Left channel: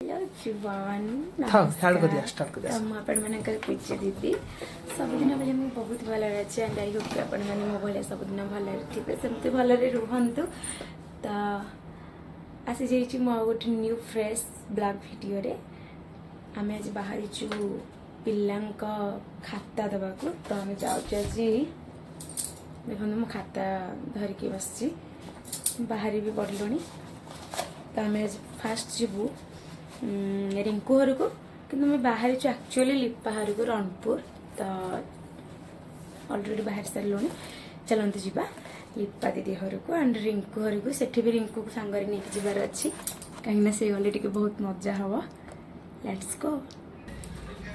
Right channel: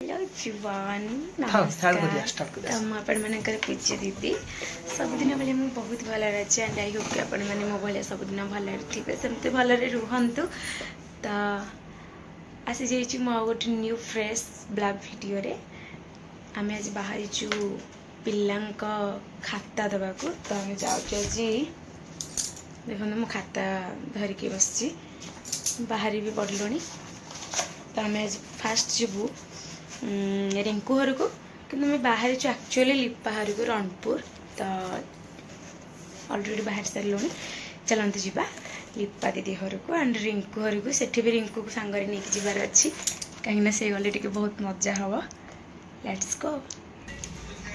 Everyone नमस्कार। पूज्य दीदी सबुदिन भाई मुझे बहुत भल अच्छे एंड आई होप कि आपण मैंने मो भाई सबुदिन भल थे सेमती भलरे रुहतु। तो आसी जाइए मो गोटे न्यू फ्रेश ब्लॉग वीडियो रे आम आज बाहरी पिला खाता देवाक। तो आम जाऊँ आज देखो मो खाता धरिकी बस बाहरी भी पड़लुणी। तो आम आज फास्ट जीवु रिंकू घर को कि बाहर एक्चुअली लिपा घर को रणपुर। तो ऑलरेडी बाहर सारे चलते जावा लिपा दीदी घर को एंड रिंकू घर को। सेठी भी रिंकू को सांगरे नहीं जबार अच्छी कहीं से गले टे बहुत मजा हम। Let's go.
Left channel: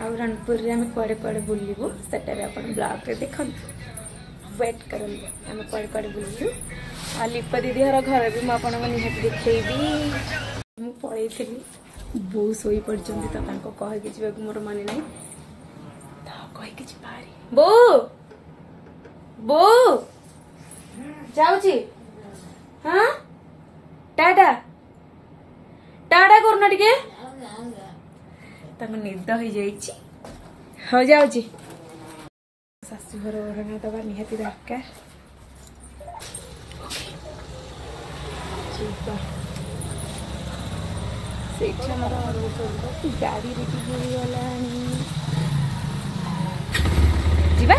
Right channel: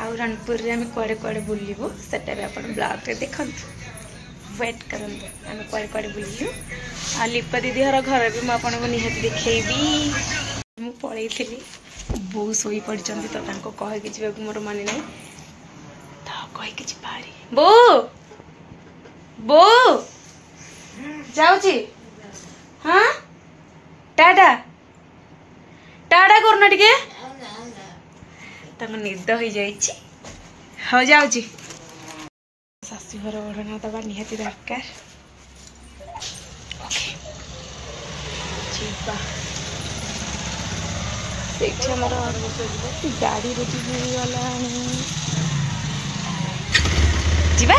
आ रणपुर रे आम कुआड़े कुआड़े बुलू सेटा भी आप ब्लॉग रे देखु वेट करूँ आम कुआड़े कुआड़े बुलू। आ लिपा दीदी घर भी मुझे निहाती देखी मु पलैली बो शोई पड़ी तो कहीकि जावाक मोर मन ना तो कहीकि जारी बो बो जाऊँगी। हाँ टाटा टाटा करना टिके निद हो जाऊ जाऊँगी। शाशुघर ओढ़ना दबा निहाती दरकार। गाड़ी रेडी मिलगला जीवा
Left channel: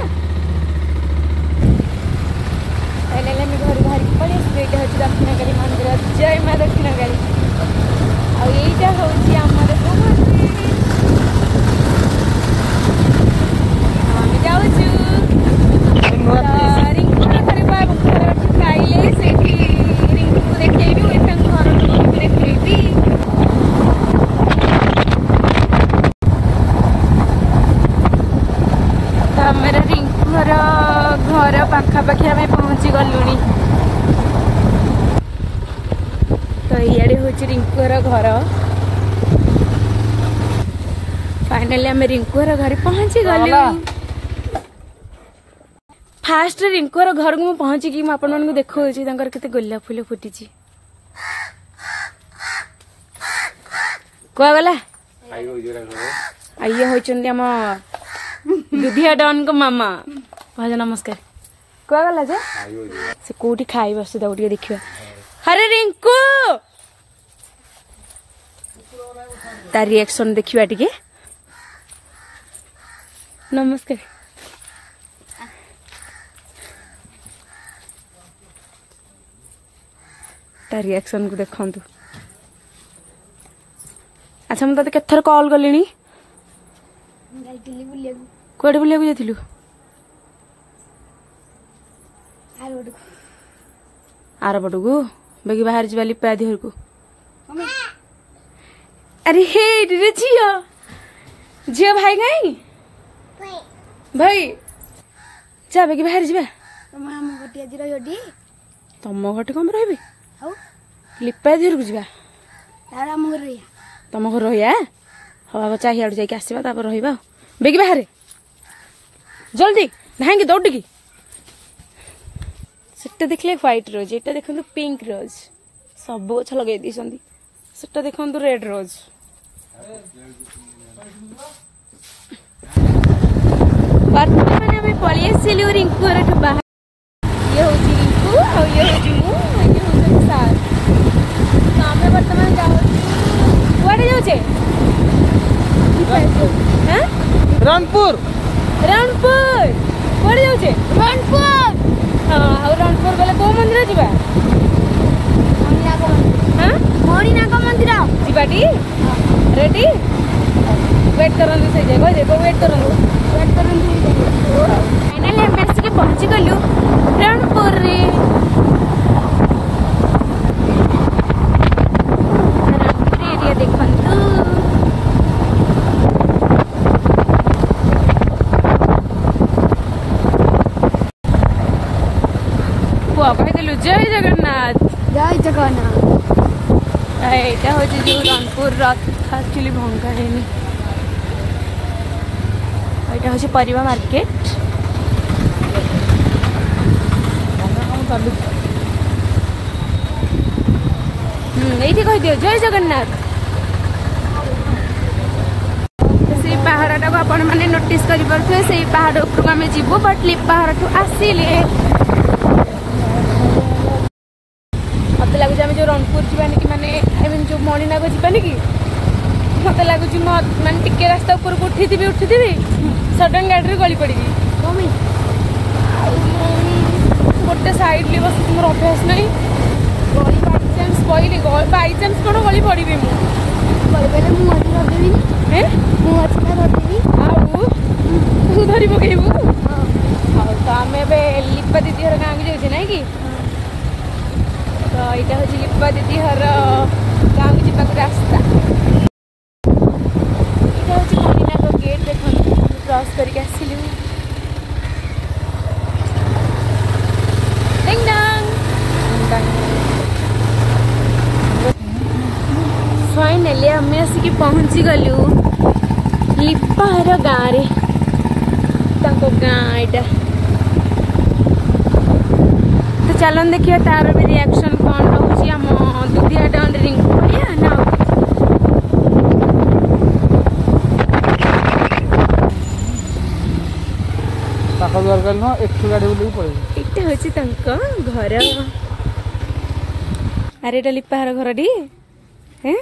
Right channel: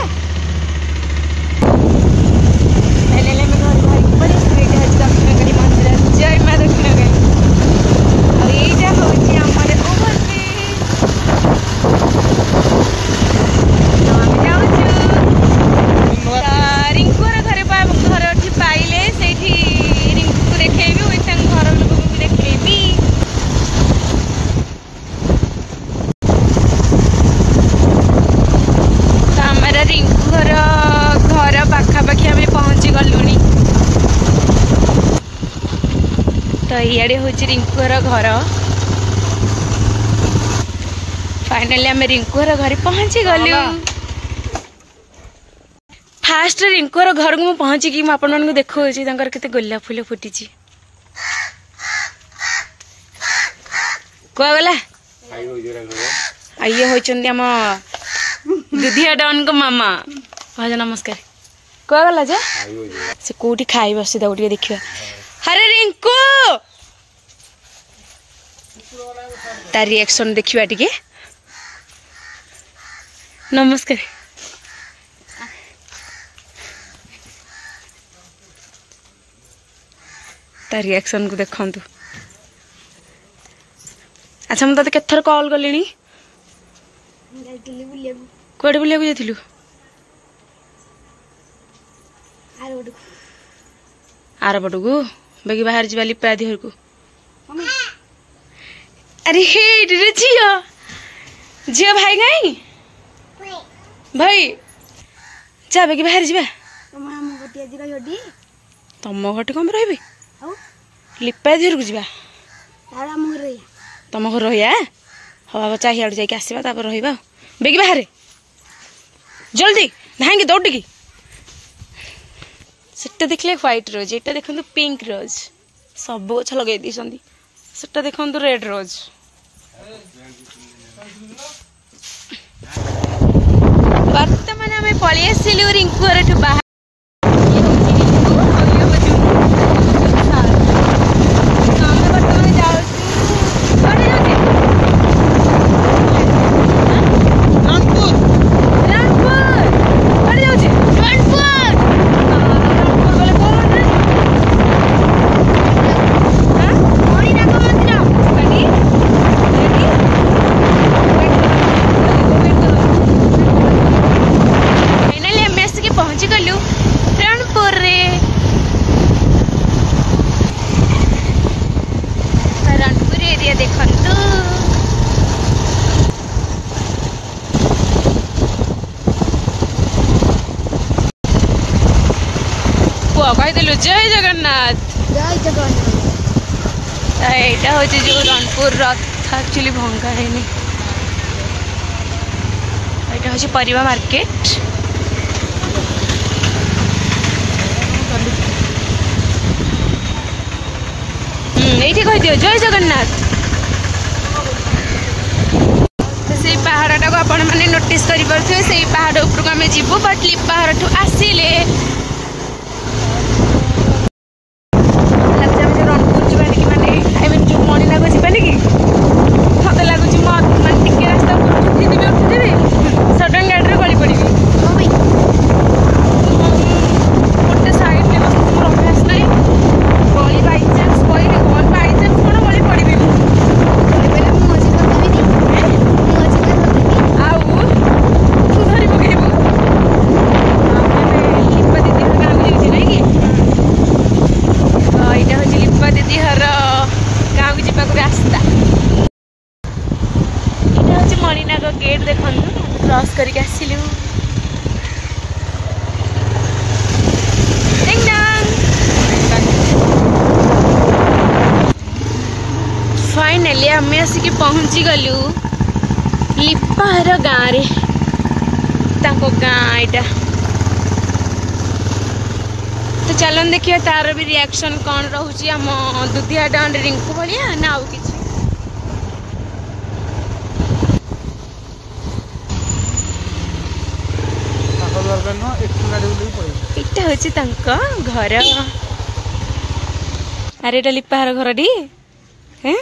घर बाहर पड़े दक्षिण काली मंदिर जय माँ दक्षिण काली। और यहीटा हूँ आम रिंकुर घर घर पाइले से रिंकू को देखी घर लोग देखी। हमारा रिंकू घर घर पाखापाखि आम पहुँची गलुणी। तो इे हूँ रिंकू घर फाइनाली आम रिंकू घर पहुँची गलु। फास्ट रिंकू घर को पहुँचिकी मुझे देखा के गोलाप फूल फुटी कहगला। ये होती आम दुधिया डन को मामा भाज नमस्कार कहगला जे से कौटी खाई बस देखा। हरे रिंकू तार रिएक्शन देखा टिके नमस्कार। तार रिएक्शन को देखु। अच्छा मुझे केत थर कॉल कली कौटे बुलिया जाइलु आर पट को बेगी बाहर जा लिपा दी घर को। अरे हे झियो झियो भाई गई भाई जा बेगी बाहर जा तुम घटे कम रही लिपा दी घर को जा तुम घर रहा हाँ चाहिए जाकि आसवा रहा बेगी बाहर जल्दी धाएंगे दौड़ की सेटा देखले व्हाइट रोज एटा देखो पिंक रोज सब गछ लगे सेटा देखो रेड रोज। बर्तमान आम पलि आसलु रिंकू घर बाहर। ये हूँ रिंकू और ये हूँ बर्तमान जाऊे रणपुर रणपुर कड़े जाऊे रणपुर। हाँ रणपुर गले कौ मंदिर जावा मणिनाग मंदिर जावाटी रेडी वेट करो वेट करो फाइनाली आम आसिक पहुँची गलु रणपुर रे। रणपुर एरिया देखंतु कहीदेलु जय जगन्नाथ जय जगन्नाथ। यहाँ हूँ जो रणपुर रथ एक्चुअली भंगा है यहाँ हूँ परिवा मार्केट। ये कह दियो जय जगन्नाथ। पहाड़टा को आपण मैंने नोटिस कर पारे से पहाड़ उपरको आम जीवु बट लिप पहाड़ ठू आसिले मत लगुच आम जो रणपुर जावानी कि माने आई मीन जो मणिनाग जावानी कि मत लगुच मैं टिके रास्ता उपरको उठीदेवी सडन गाड़ी गली पड़ी गोटे सैड बस मोर अभ्यास ना गली बाई चान्स कहली बाई चान्स कौन गली पड़ी तू धरी पकेबू आम लिपा दीदी हर गाँव जाऊे ना कि तो यहाँ हूँ लिपा दीदी हर गाँव को जावाक रास्ता यहाँ हूँ मणिनाग गेट देखु क्रॉस करके आसिलु फाइनाली आम आसिक पहुँची गलु लिपार गाँव रे गाँ यहाँ तो चलन देखिए तार भी रिएक्शन कौन रोचे आम दुधिया डाउन रिंकू भलिया ना आउ किटा हूँ घर अरे ये लिपार घर टी हैं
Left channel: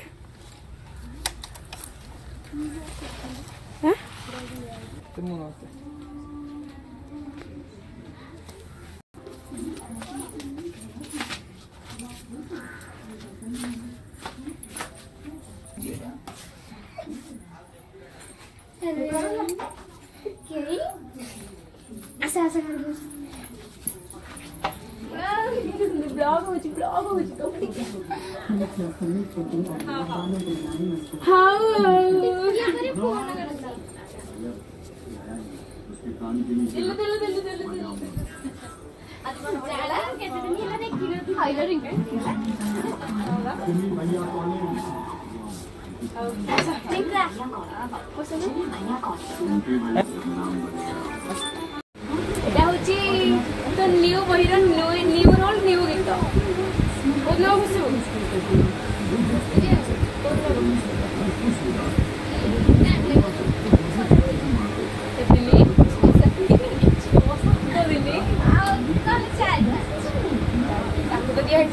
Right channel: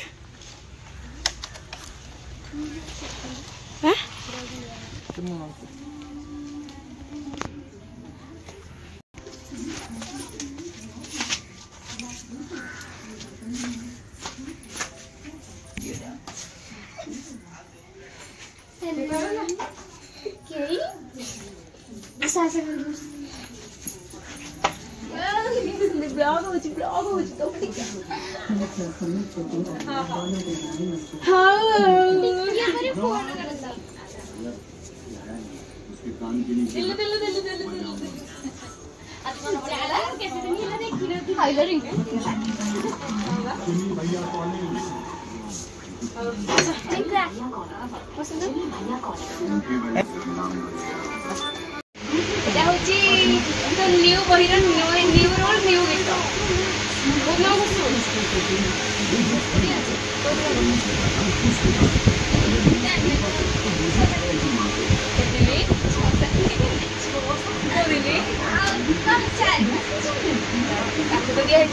न्यू बही न्यू रोल न्यू गीत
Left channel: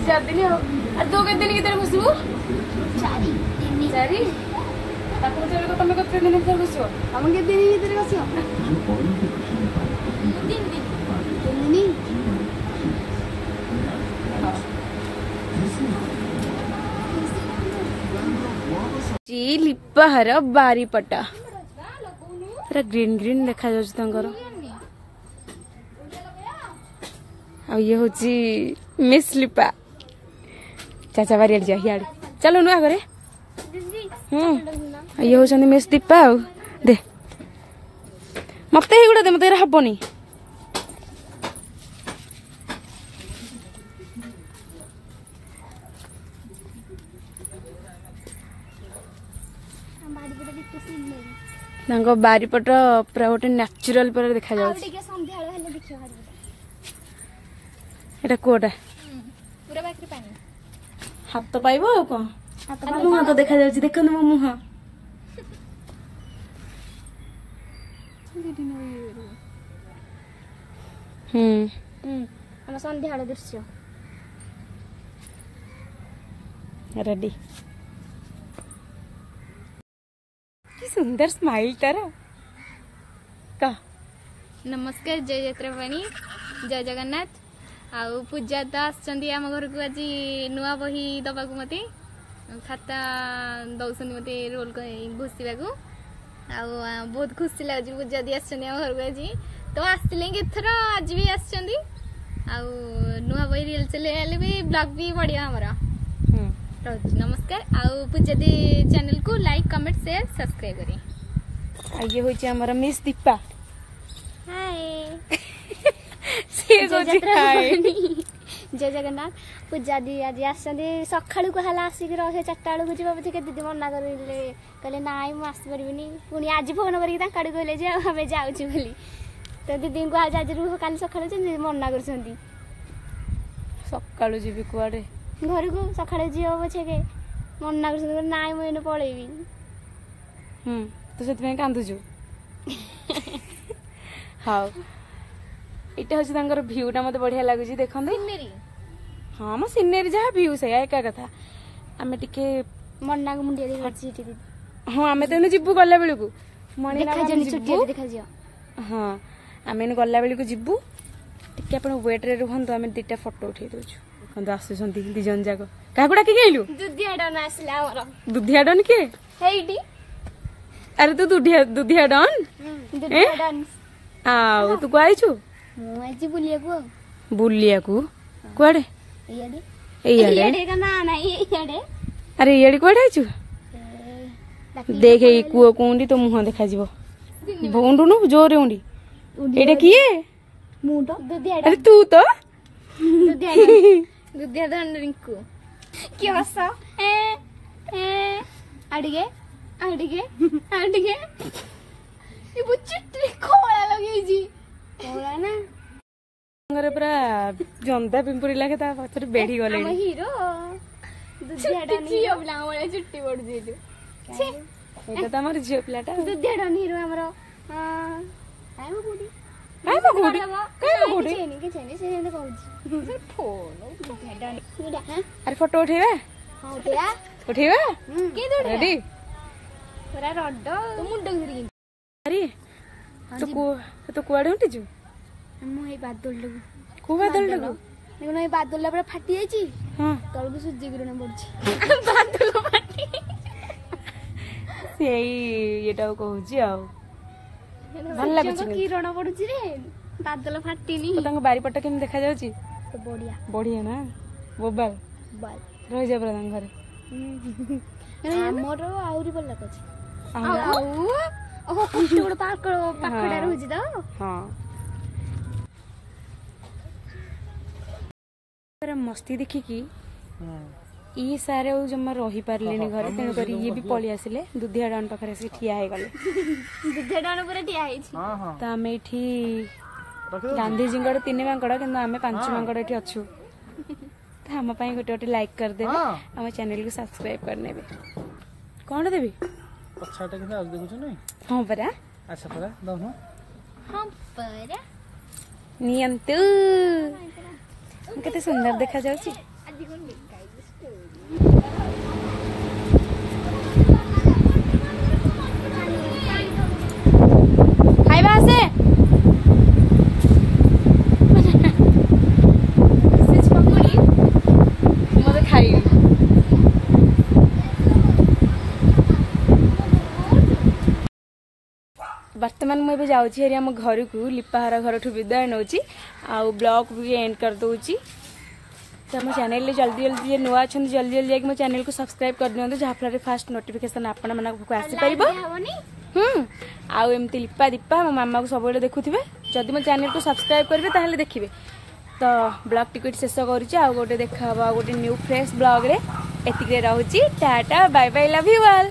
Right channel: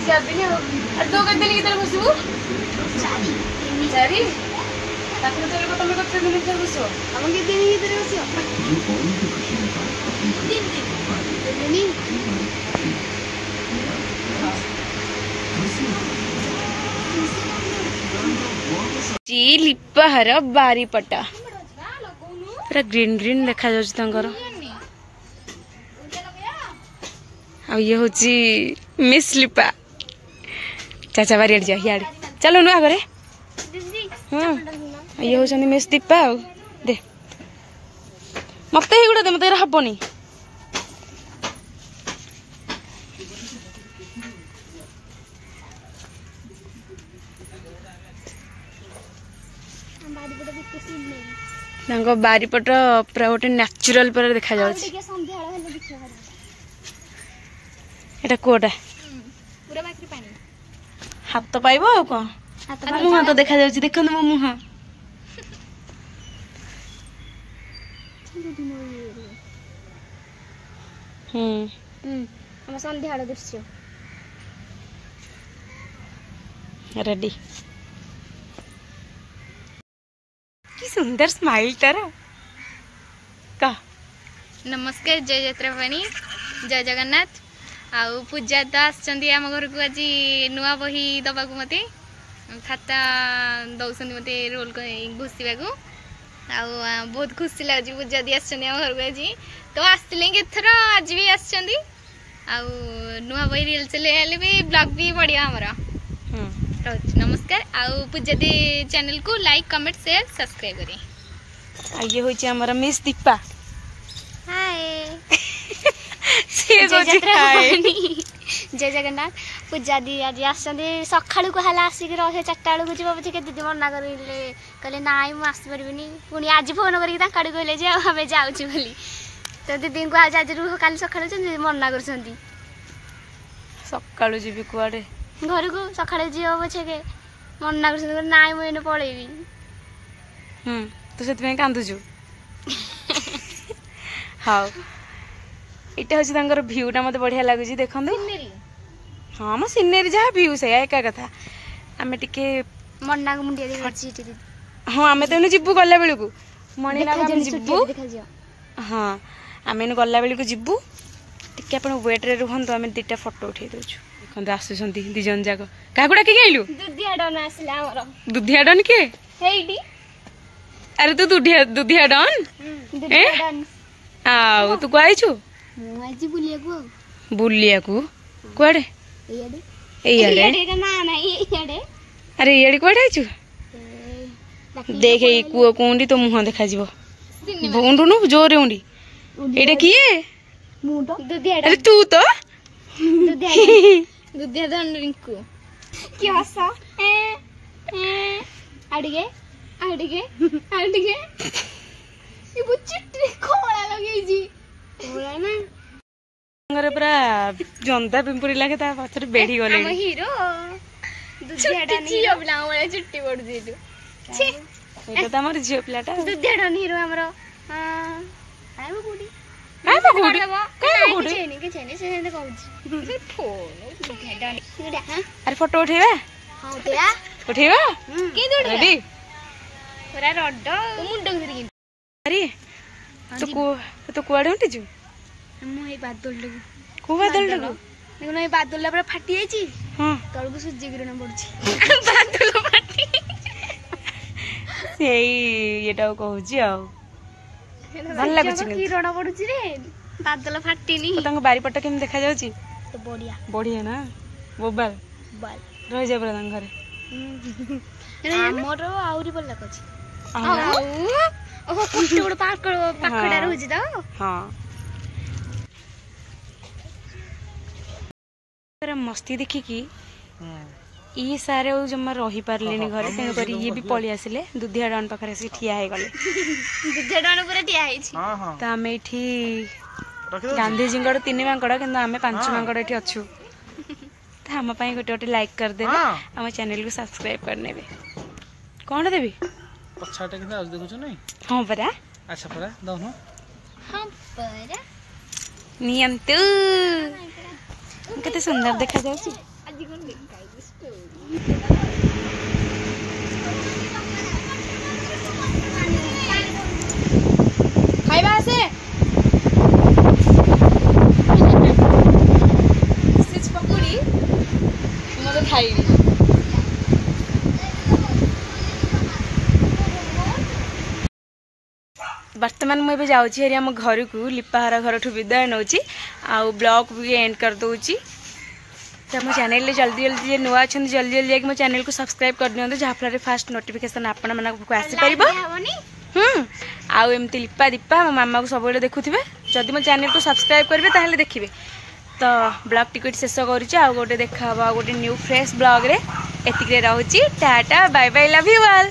चार दिन तो कते गीत घुसबू चारि तुम कते दिन घुस आम के दिन भीतर बस लिपाहर बारीपटा पूरा ग्रीन ग्रीन देखा जाकर ये हूँ मिस लिपा चाचा बारी जा इे चलो नुआ घरे ये हूँ मिस दीपा दे मत गुड़ा दे मत हेनी बारीपट पूरा गोटे नेचुरल पर देखा एटा कोटा हाथ तो पाइब आ कौन मुह तो देखा देख मो मुह संध्या दृश्य रेडी कि सुंदर स्माइल तार का नमस्कार जय यात्रा भवानी जय जगन्नाथ आउ पूजा तो आम घर को आज नुआ बही दबा मत खाता दौरान मत रोल घुसवा बहुत खुशी लगे पूजा दी आम घर को आज तो आसले एथर आज भी नुआ बही रिल चले भी ब्लॉग भी बढ़िया आमर रोज नमस्कार आउ पूजा दी चैनल को लाइक कमेंट शेयर सब्सक्राइब करें ये हूँ आमर मिस दीपा जय जगन्नाथ पूजा दी आज सका कहला आसिक रही 4टा बेलू जी पचे दीदी मना कहले ना मुझे आसपारे पुणी आज फोन करके कहले आम जाऊँ बोली तो दीदी को आज आज रुह काली सका मना कर सका जी कुआड़े घर को सका जी पचे के मना कर ना मुझे पलैबी तू तू से कांदुचु हाँ इटा हूँ भ्यूटा मत बढ़िया लगुच देख हाँ मो सीनेरी जहाँ भ्यू से एका कथा आम टे मन्ना को मुंडिया हाँ आम तो जीवु गला बेलू मणिनाग जीवु हाँ आम गला बेलू जीवु टे आप वेट्रे रुहतु आम 2टा फोटो उठे दूचु देखते आसुँच दिजन जाक क्या डाक आइलु दुधिया डन किए अरे तू दुधिया डन आउ तू आईचु बुलिया कुआडे अरे इे कड़े आईचु देख कूओ को उंडी तो मुह देखा उंडुनु जोरे उंडी एटा किए अरे तू तो दुधिया डन रिंकू की हस अड़गे अड़गे अड़गे ये बुच्ची खोला लगे जी खोला ना पूरा जंदा पिंपुरी लगे ता पछरे बेढी गले हम हीरो दुधिया डन हीरो ब्लाउ वाला चुट्टी पड़ दिलु छी एटा त हमर झियो प्लाटा दुधिया डन हीरो हमरो हां आइबो गुडी से कहू अरे फोटो उठेबा हां उठेबा उठेबा की दौड़ रेडी पूरा रड मुंड धरि अरे तो कुआडे उठिजु हम ए बादल लगु को बादल लगु देखो ना ए बादल पूरा फाटी जाई छी हां तळगु सूर्य किरण पड़छि बादल फाटी सेई एटा कहूची आ भल लागु छी किरण पड़छि रे बादल फाटीनी तंग बारी पट्टा केम देखा जाउची तो बढ़िया बढ़िया ना बोबाल बाल रह जा बरा घरे हमरो आउरी बल्ला कछि आउ ओहो कुट्टी गोड़ पाखडा रहउछि त हां मस्ती देखिकी ये सारे जमा रही पारे घर तेणुक ये भी पलि आसिले दुधिया डान पाखे से ठिया हो गले दुधिया डान पूरा ठिया तो आम ये गांधीजी 3 मांकड़ कि आम 5 मांकड़ ये अच्छु तो आम गोटे गोटे लाइक करदे आम चैनल को सब्सक्राइब करने कौन देवी हाँ परा अच्छा परा दौनो हाँ परा नियंतु केते सुंदर देखा जाउची खाइबा से सिच पकुड़ी मते खाइबी वर्तमान मुझे जाऊँगी हेरी आम घर को लिपाहार घर ठू विदाय नौ आउ ब्लॉग भी एंड कर दूची तो मो चैनल जल्दी जल्दी नुआ अच्छा जल्दी जल्दी जाकि मो चैनल को सब्सक्राइब कर दिखाँ जहाँफल फास्ट नोटिफिकेशन आपण मानक आसीपर आउ एमती लिपा दीपा मो मामा को सब देखुवे जदि मो चैनल को सब्सक्राइब करेंगे ताहले देखिए तो ब्लॉग टिकट शेष कर गोटे देखा गोटे न्यू फ्रेश ब्लॉग रे एतिक रोची tata bye bye love you all.